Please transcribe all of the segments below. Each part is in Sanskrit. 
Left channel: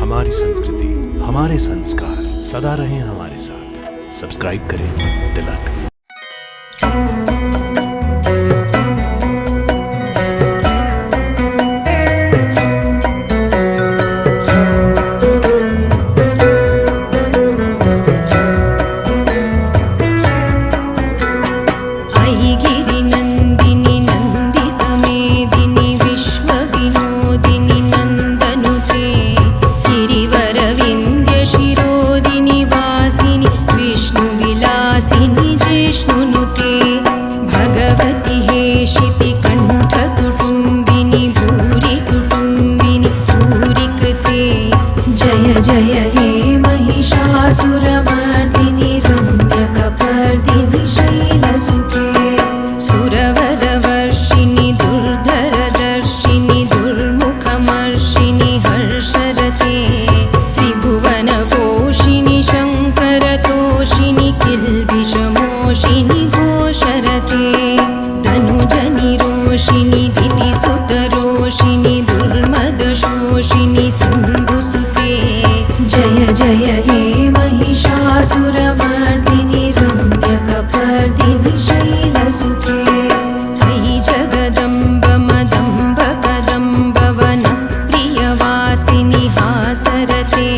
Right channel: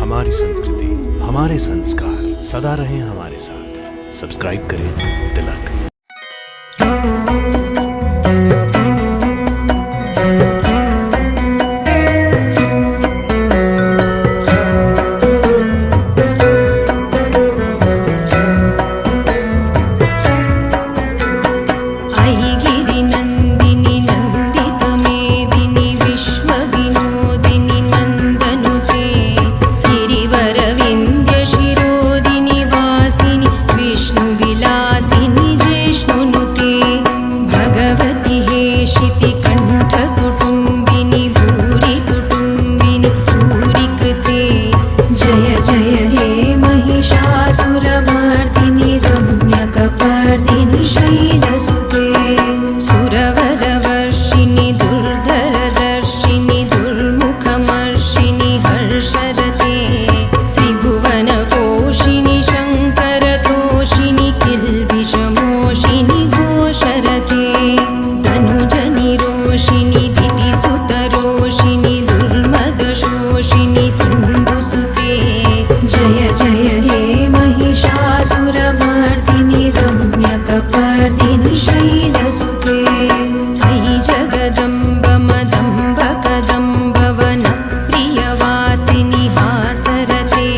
हमारी संस्कृति, हमारे संस्कार सदा रहें हमारे साथ। सब्सक्राइब करें तिलक। किल्बिषमोषिनि घोषरते तनुजनि रोषिनि दितिसुतरोषिनि दुर्मदशोषिनि सिन्धुसुते जय जय हे महिषासुरमर्दिनि रम्यकपर्दिनि शैलसुते अयि जगदम्ब मदम्ब कदम्ब वनप्रियवासिनि हासरते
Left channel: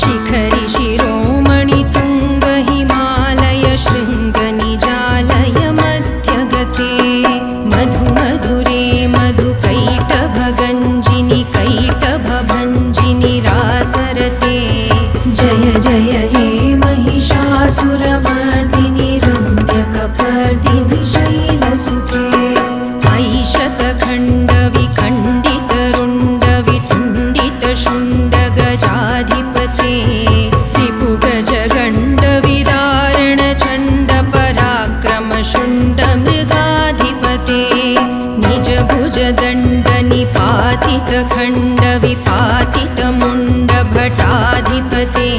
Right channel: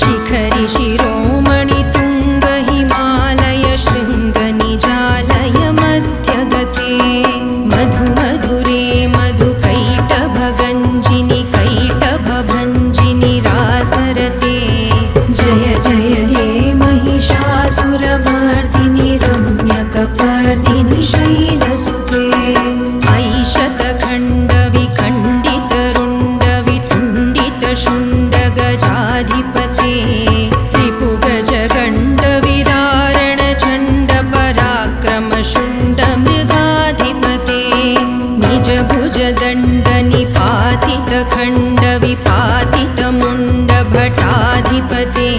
शिखरि शिरोमणि तुङ्ग हिमालय शृङ्गनिजालय मध्यगते मधुमधुरे मधुकैटभगञ्जिनि कैटभभञ्जिनि रासरते जय जय हे महिषासुरमर्दिनि रम्यकपर्दिनि शैलसुते अयि शतखण्डविखण्डितरुण्डवितुण्डितशुण्डगजाधिपते रिपुगजगण्डविदारणचण्डपराक्रमशुण्डमृगाधिपते निजभुजदण्डनिपातितखण्डविपातितमुण्डभटाधिपते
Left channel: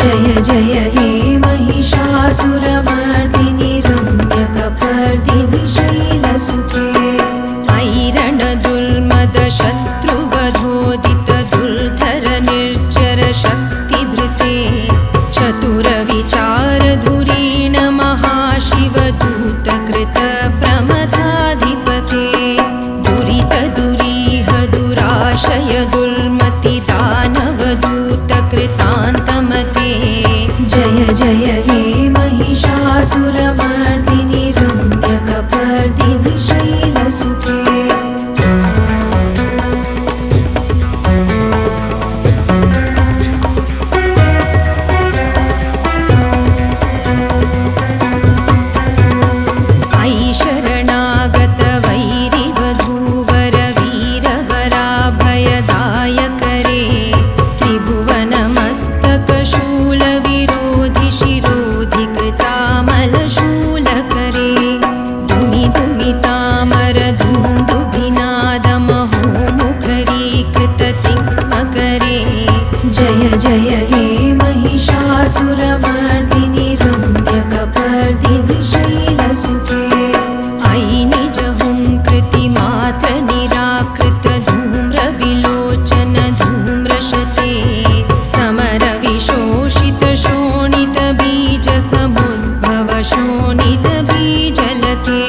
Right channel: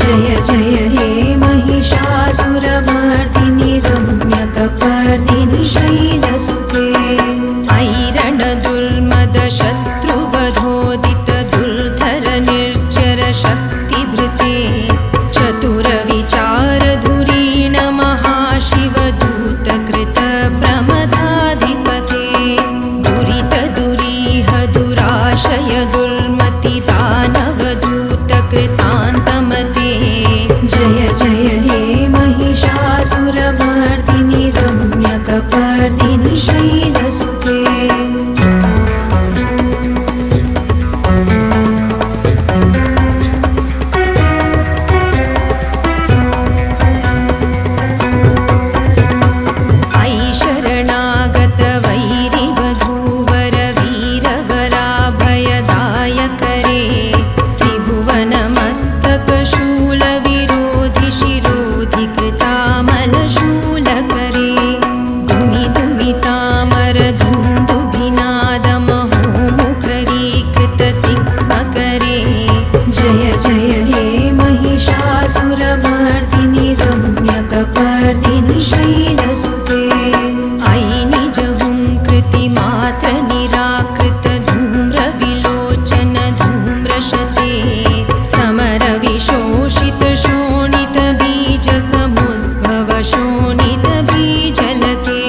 जय जय हे महिषासुरमर्दिनि रम्यकपर्दिनि शैलसुते अयि रणदुर्मदशत्रुवधोदित दुर्धर निर्जर शक्तिभृते चतुरविचारधुरीण महाशिवदूतकृत प्रमदाधिपते दुरितदुरीह दुराशय दुर्मति दानवदूतकृतान्तमते जय जय हे महिषासुरमर्दिनि रम्यकपर्दिनि शैलसुते वैरिवधूवरवीरवराभयदायकरे त्रिभुवनमस्तकशूलविरोधि शिरोधि कृतामलशूलकरे दुमिदुमितामरधुन्दुभिनादमहोमुखरीकृततिग्मकरे जय जय हे महिषासुरमर्दिनि रम्यकपर्दिनि शैलसुते अयि निजहुङ्कृतिमात्र निराकृत धूम्रविलोचन धूम्रशते समरविशोषित शोणित बीज समुद्भव शोणित बीजलते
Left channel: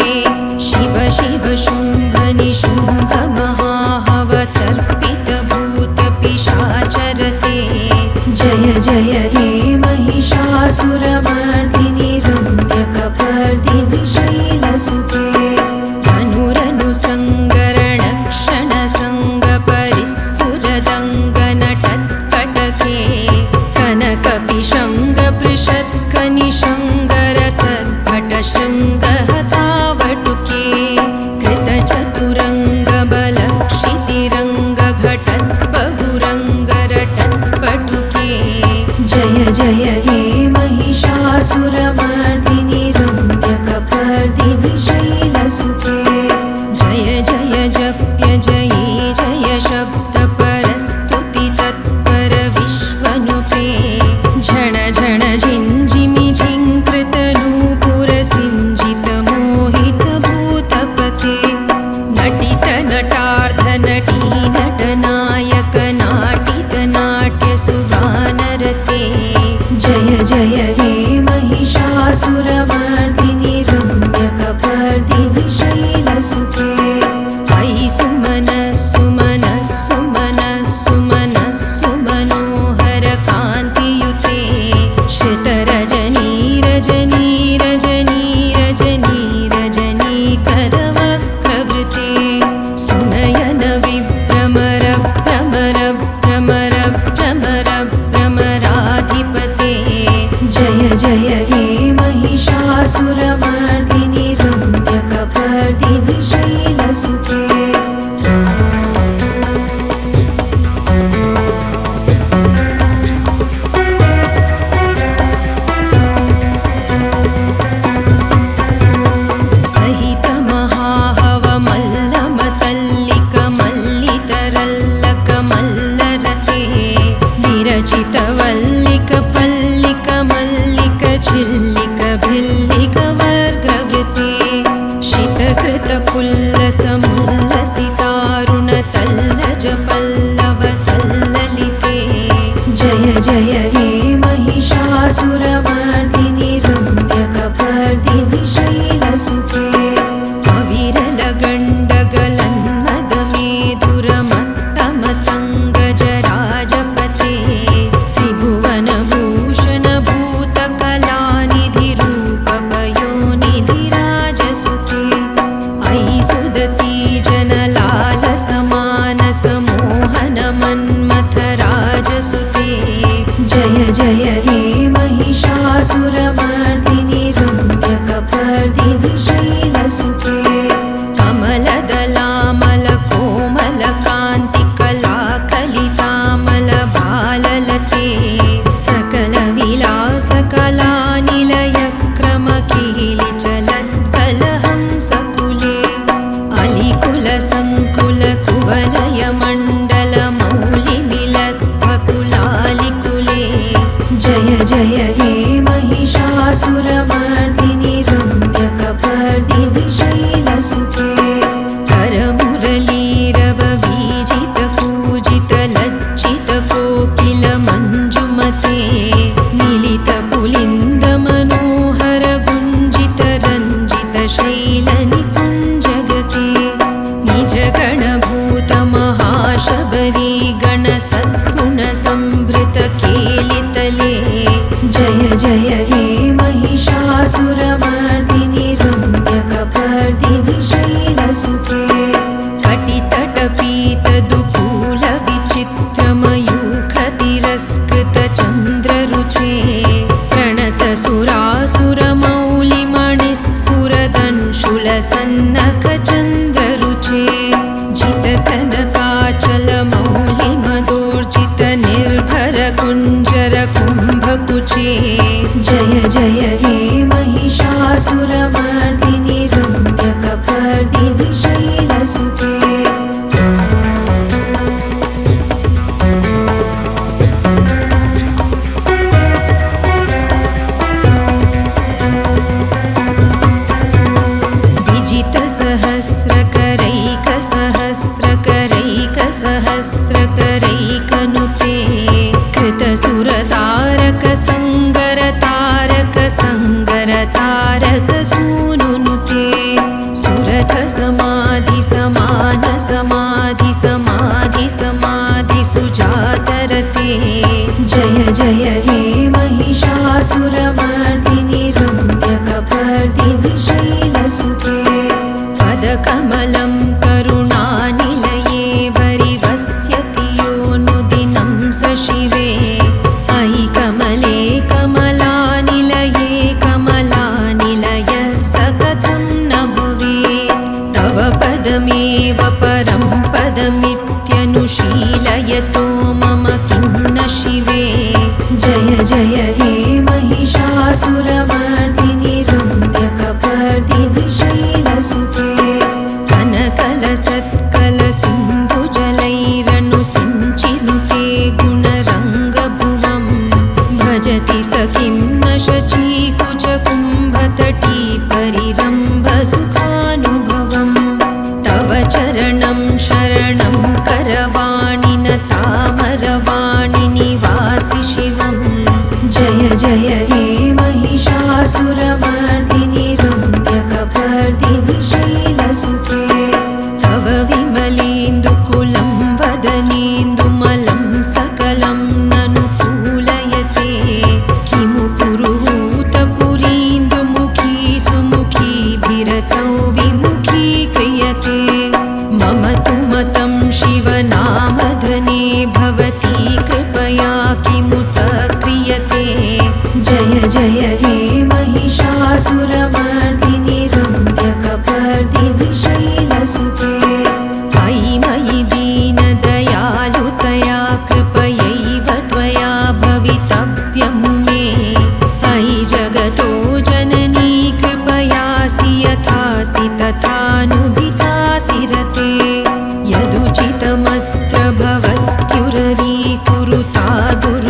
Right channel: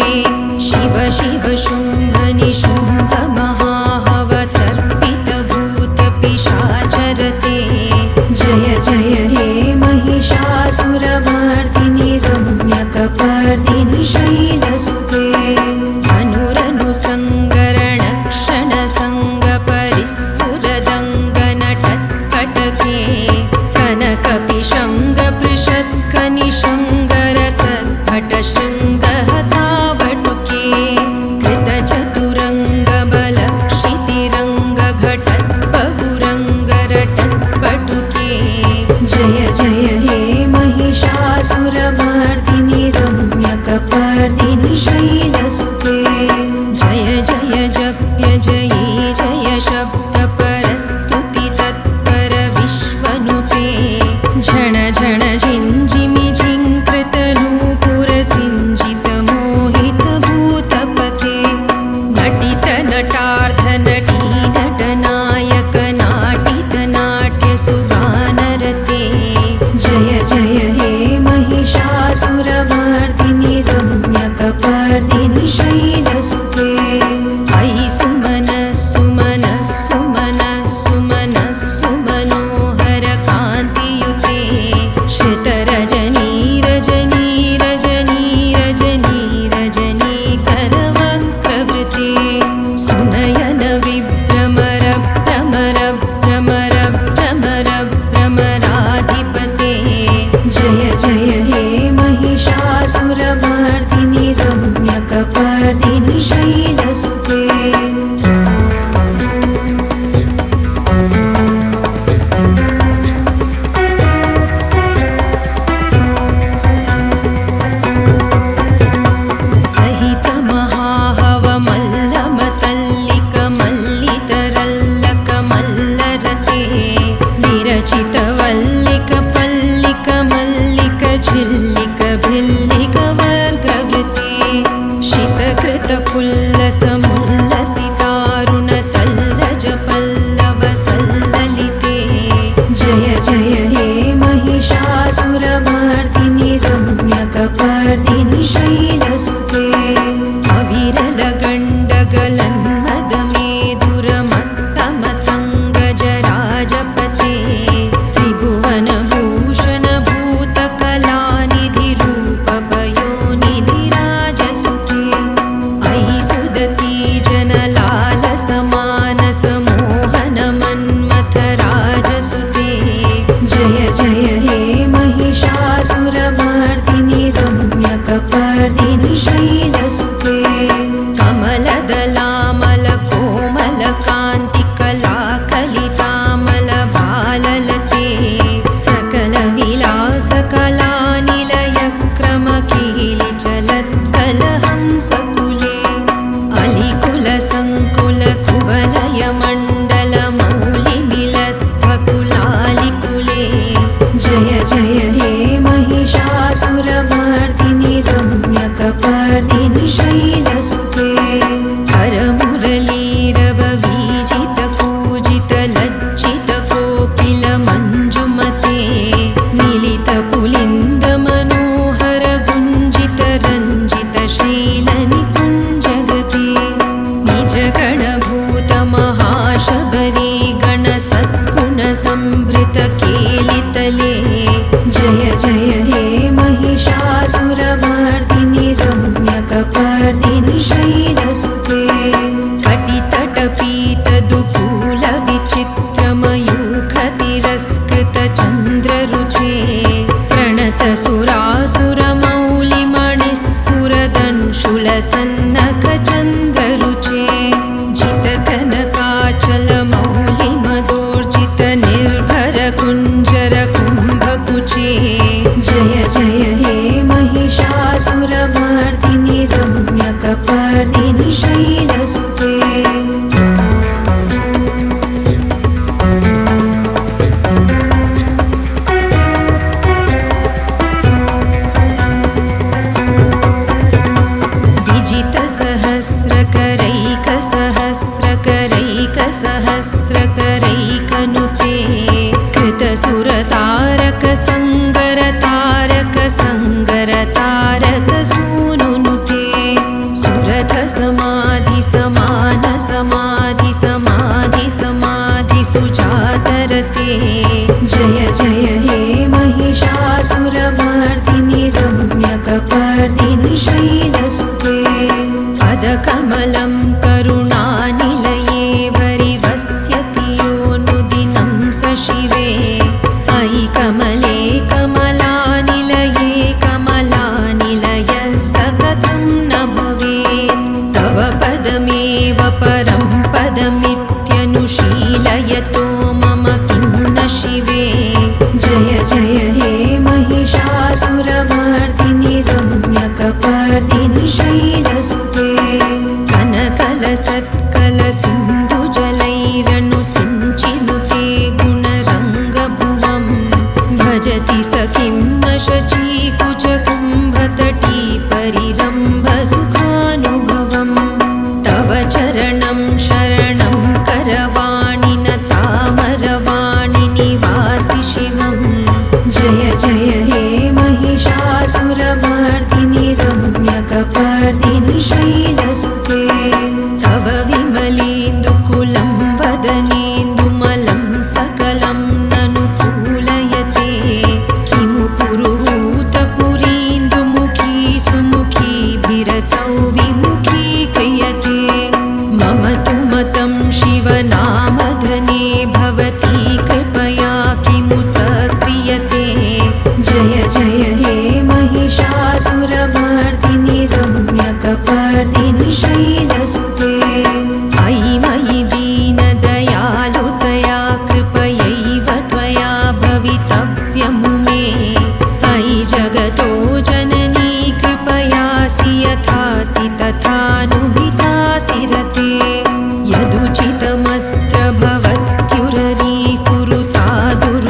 शिव शिव शुम्भ निशुम्भ महाहवतर्पित भूत पिशाचरते जय जय हे महिषासुरमर्दिनि रम्यकपर्दिनि शैलसुते अनुरनुसङ्गरणक्षणसङ्गपरिस्फुरदङ्गनटत्कटके कनकपिशङ्गपृषत्कनिशङ्गरसद्भटशृङ्गहतावटुके कृतचतुरङ्गबलक्षितिरङ्गघटत्बहुरङ्गरटत्पटुके जय जय हे महिषासुरमर्दिनि रम्यकपर्दिनि शैलसुते जय जय जप्य जये जय शब्द परस्तुति तत्पर विश्वनुते झण झण झिञ्झिमि झिङ्कृत नूपुर सिञ्जित सुगानरते जय जय हे महिषासुरमर्दिनि रम्यकपर्दिनि शैलसुते अयि सुमनः कान्तियुते श्रितरजनी रजनी रजनी रजनी रजनी करवक्रवृते सुनयन विभ्रमर भ्रमर भ्रमर भ्रमर भ्रमराधिपते जय जय हे महिषासुरमर्दिनि रम्यकपर्दिनि शैलसुते विरचितवल्लिक पल्लिक मल्लिक झिल्लिक भिल्लिक वर्ग्रवृते शितकृत पुल्लसमुल्लसितारुण तल्लज पल्लव सल्ललिते जय जय हे महिषासुरमर्दिनि रम्यकपर्दिनि शैलसुते अविरल गण्डगलन्मदमेधुरमत्तमतङ्गजराजपते त्रिभुवनभूषण भूतकलानिधिरूपपयोनिधिराजसुते अयि सुदती जनलालसमानसमोहनमन्मथराजसुते जय जय हे महिषासुरमर्दिनि रम्यकपर्दिनि शैलसुते कमलदलामल कोमलकान्तिकलाकलितामल बाललते सकलविलासकलानिलयक्रमकीलिचलत्कलहंसकुले अलिकुलसङ्कुलकुवलयमण्डलमौलिमिलद्भकुलालिकुले जय जय हे महिषासुरमर्दिनि रम्यकपर्दिनि शैलसुते करमुरलीरववीजितपूजितलज्जितकोकिल मञ्जुमते मिलितपुलिन्दमनोहर गुञ्जितरञ्जितशैलनिकुञ्जगते निजगणभूतमहाशबरी गणसद्गुणसंभृतकेलितले जय जय हे महिषासुरमर्दिनि रम्यकपर्दिनि शैलसुते कटितटपीतदुकूलविचित्रमयूखतिरस्कृतचन्द्ररुचे प्रणतसुरासुरमौलिमणिस्फुरदंशुलसन्नखचन्द्ररुचे जितकनकाचलमौलिमदोर्जितनिर्भरकुञ्जरकुम्भकुचे जय जय हे महिषासुरमर्दिनि रम्यकपर्दिनि शैलसुते सहस्रकरैकसहस्रकरैकसहस्रकरैकनुते कृतसुरतारकसङ्गरतारकसङ्गरतारकसूनुनुते सुरथ समाधि समान समाधि समाधि समाधि सुजातरते जय जय हे महिषासुरमर्दिनि रम्यकपर्दिनि शैलसुते पदकमलं करुणानिलये वरिवस्यति योऽनुदिनं स शिवे अयि कमले कमलानिलये कमलानिलयः स कथं न भवेत् तव पदमेव परं पदमित्यनुशीलयतो मम किं न शिवे जय जय हे महिषासुरमर्दिनि रम्यकपर्दिनि शैलसुते कनकलसत्कलसिन्धुजलैरनुसिञ्चिनुते गुणरङ्गभुवं भजति स किं न शचीकुचकुम्भतटी परिरम्भसुखानुभवम् तव चरणं शरणं करवाणि न तामरवाणि निवा सकलं ननु कूलयते किमु पुरुहूतपुरीन्दुमुखी सुमुखीभिरसौ विमुखी क्रियते मम तु मतं शिवनामधने भवती कृपया किमुत क्रियते जय जय हे महिषासुरमर्दिनि रम्यकपर्दिनि शैलसुते अयि मयि दीनदयालुतया कृपयैव त्वया भवितव्यमु मे अयि जगतो जननी कृपयासि यथासि तथानुविधासि रते यदुचितमत्र भवत्युररी कुरुता दुर्